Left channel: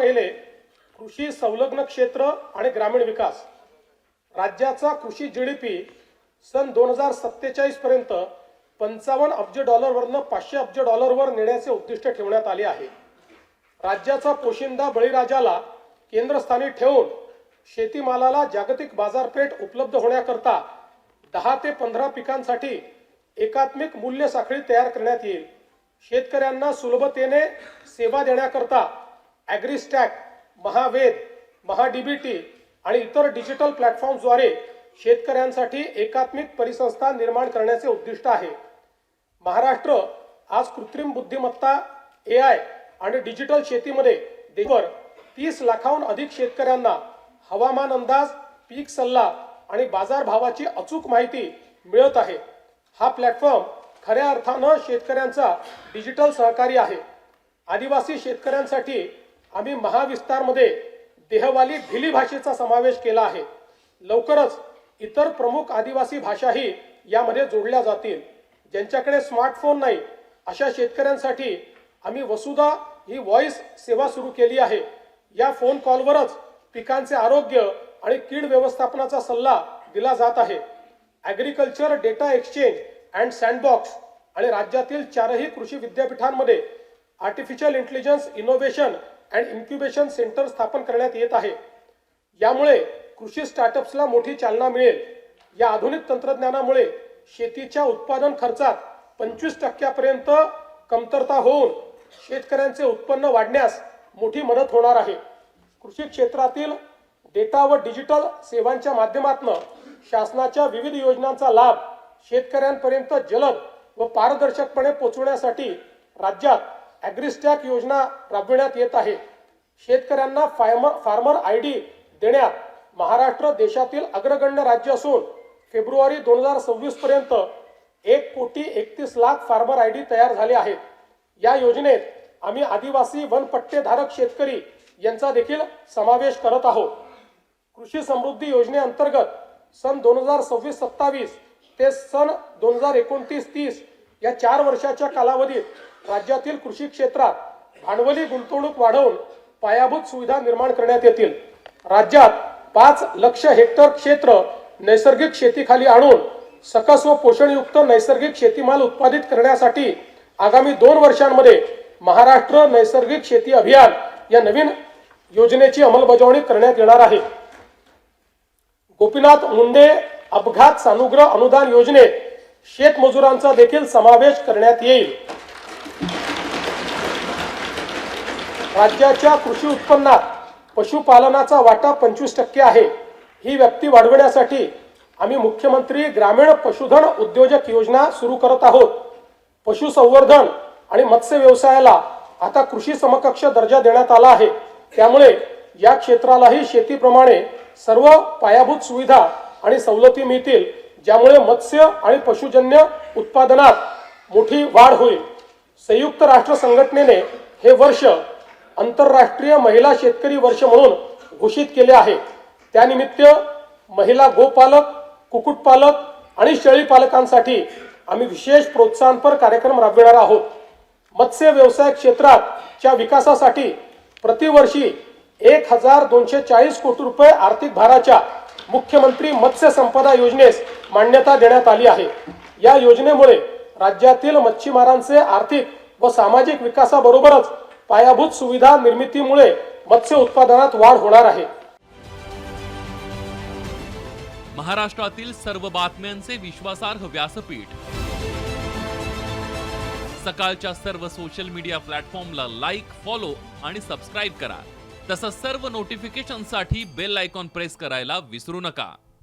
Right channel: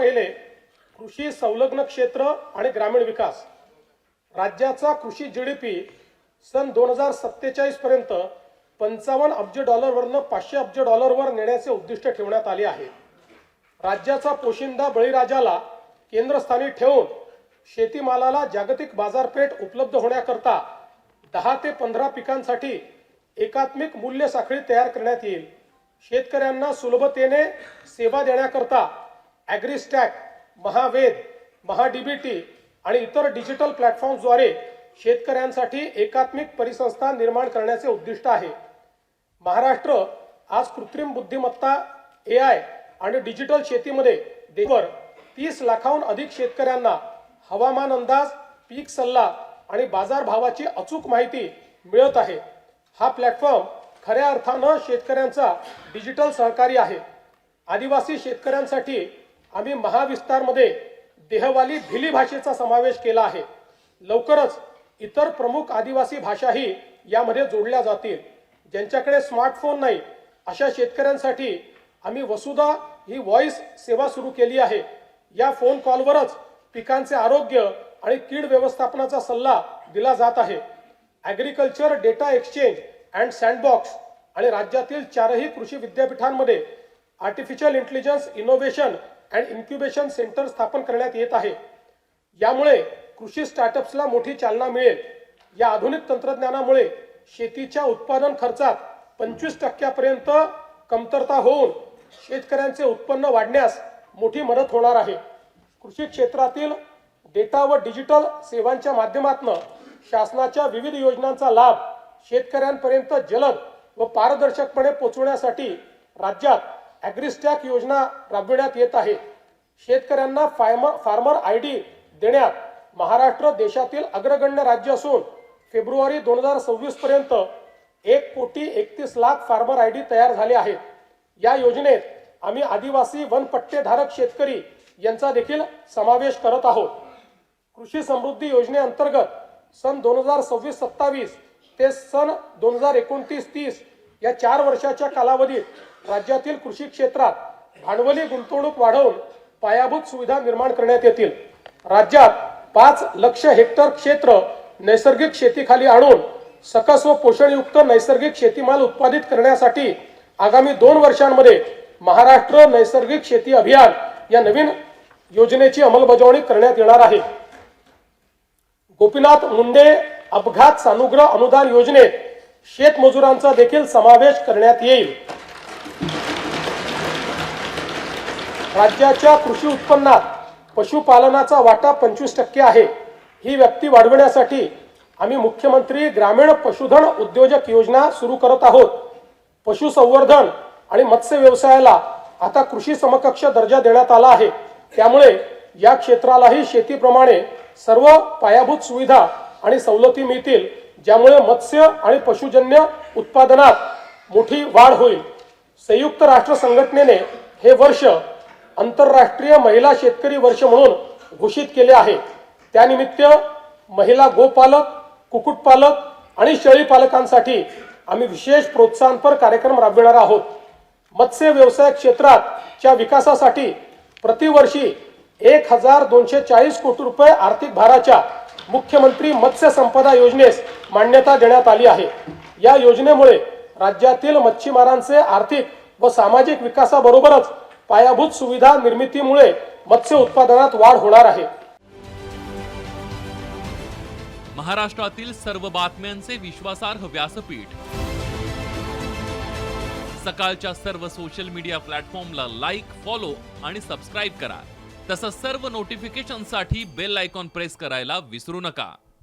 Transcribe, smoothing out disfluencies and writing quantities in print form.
पहिले कृषी संलग्न क्षेत्र आणि ग्रामीण विकास. राज्याचा कृषी जीडीपी सन 2047 पर्यंत 55 अब्ज डॉलरवरनं 500 अब्ज डॉलरवर नेण्याचे उद्दिष्ट ठेवण्यात आले आहे. राज्याचा पोशिंदा बळीराजाला केंद्रस्थानी ठेवून शेतीमालाला जागतिक बाजारपेठ उपलब्ध होण्याकरता 10 ते 15 पिकांसाठी एकात्मिक मूल्य साखळी तयार करण्यात येईल. शेतकऱ्यांना सुलभतेने सेवा देण्याकरता ॲग्रीस्टॅक, महावेद, महाडीबीटी आणि इतर डिजिटल प्लॅटफॉर्म्सद्वारे शेतकऱ्यांसाठी एकात्मिक परिसंस्था निर्माण करण्याचे उद्दिष्ट आहे. महाराष्ट्र आज कृत्रिम बुद्धिमत्ता, AI आणि डिजिटल शेतीमध्ये देशभर 30 लाखाहून अधिक शेतकऱ्यांना हवामान अंदाज, पीक सल्ला आणि बाजारभावाची अचूक माहिती मिळत आहे. हा प्लॅटफॉर्म खऱ्या अर्थानं शेतकऱ्यांचा डिजिटल सहकारी आहे. आदिवासी शेतकऱ्यांसाठी आम्ही महाविस्तारमध्ये देहवाली भिली भाषेचा समावेश केला आहे. लवकरच इतर प्रमुख आदिवासी भाषाही यामध्ये जोडल्या जातील. ज्यांच्याकडे स्मार्टफोन नाही अशा शेतकऱ्यांसाठी आम्ही वसुधा ही व्हॉइस सेवा सुरू केली आहे. या फोन कॉलवरच पिकांचे आरोग्य आणि कीड व्यवस्थापनाचा सल्ला दिला जात आहे. Agriculture data exchange and sandbox आणि राज्यातील 4ही कृषी विद्यापीठांमध्ये artificial intelligence innovation and incubation centre स्थापन करण्यात येत आहे. यामुळे कृषी स्टार्टअप्सला मोठी चालना मिळेल. या आधुनिक तंत्रज्ञानामुळे शेतीच्या उत्पादन खर्चात 25% कमतरता होऊन शेतकऱ्यांचे उत्पन्न वाढण्यास मोठी मदत होणार आहे. कृषी क्षेत्रातील डेटा व डिजिटल सेवांच्या माध्यमातून शासनाच्या विविध योजनांचा लाभ शेतकऱ्यांपर्यंत जलद व पारदर्शकपणे पोहोचवण्यासाठी राज्यात ॲग्रीस्टॅक योजना राबविण्यात येत आहे. शेतकऱ्यांना फार्मर ID देण्यात महाराष्ट्र देशातील अग्रगण्य राज्य असून फेब्रुवारी 2026 पर्यंत 1,31,00,000 फार्मर ID तयार झाले आहेत. या योजनेत आम्ही आदिवासी वनपट्टेधारक शेतकरी यांचा देखील समावेश करत आहोत. कृषी समृद्धी योजनेअंतर्गत सन 2026-27 ते सन 2029-30 या 4 वर्षाच्या कालावधीत राज्यातील कृषी क्षेत्रात भांडवली गुंतवणूक वाढवून पायाभूत सुविधा निर्माण करण्यात येतील. राज्यात 5 लाख हेक्टर क्षेत्र नैसर्गिक शेतीखाली आणून सकस व पोषणयुक्त नैसर्गिक शेतीमाल उत्पादित करण्यासाठी आगामी 2 वर्षांमध्ये महाराष्ट्र नैसर्गिक शेती अभियान या नवीन योजनेची अंमलबजावणी करण्यात येणार आहे. गोपीनाथ मुंडे अपघात सानुग्रह अनुदान योजनेत शेतमजुरांचा देखील समावेश करण्यात येईल. राज्याच्या कृषी उत्पन्नात पशुपालनाचा वाटा 25% आहे. ही व्याप्ती वाढवण्यासाठी आम्ही मुख्यमंत्री ग्रामीण पशुधन उद्योजक योजना सुरू करत आहोत. पशुसंवर्धन आणि मत्स्य व्यवसायाला आता कृषी समकक्ष दर्जा देण्यात आला आहे. त्यामुळे या क्षेत्रालाही शेतीप्रमाणे सर्व पायाभूत सुविधा आणि सवलती मिळतील, ज्यामुळे मत्स्य आणि पशुजन्य उत्पादनात मोठी वाढ होईल. संयुक्त राष्ट्र संघटनेने हे वर्ष आंतरराष्ट्रीय महिला शेतकरी वर्ष म्हणून घोषित केले आहे. त्यानिमित्त महिला गोपालक, कुक्कुटपालक आणि शेळीपालकांसाठी आम्ही विशेष प्रोत्साहनपर कार्यक्रम राबविणार आहोत. मत्स्य व्यवसाय क्षेत्राच्या विकासासाठी प्रतिवर्षी 1,240 कोटी रुपये आर्थिक भाराच्या मुख्यमंत्री मत्स्य संपदा योजनेस मान्यता देण्यात आली आहे. या योजनेमुळे राज्यातील मच्छीमारांचे आर्थिक व सामाजिक विकासाबरोबरच पायाभूत सुविधा निर्मितीमुळे मत्स्य उत्पादनात वाढ होणार आहे. महाराष्ट्रातील सर्व बातम्यांचे विश्वासार्ह व्यासपीठ. सकाळच्या सर्व सोशल मीडिया प्लॅटफॉर्मला लाईक, फॉलो आणि सबस्क्राईब करा. तसंच सर्व नोटिफिकेशनसाठी बेल आयकॉन प्रेस करायला विसरू नका.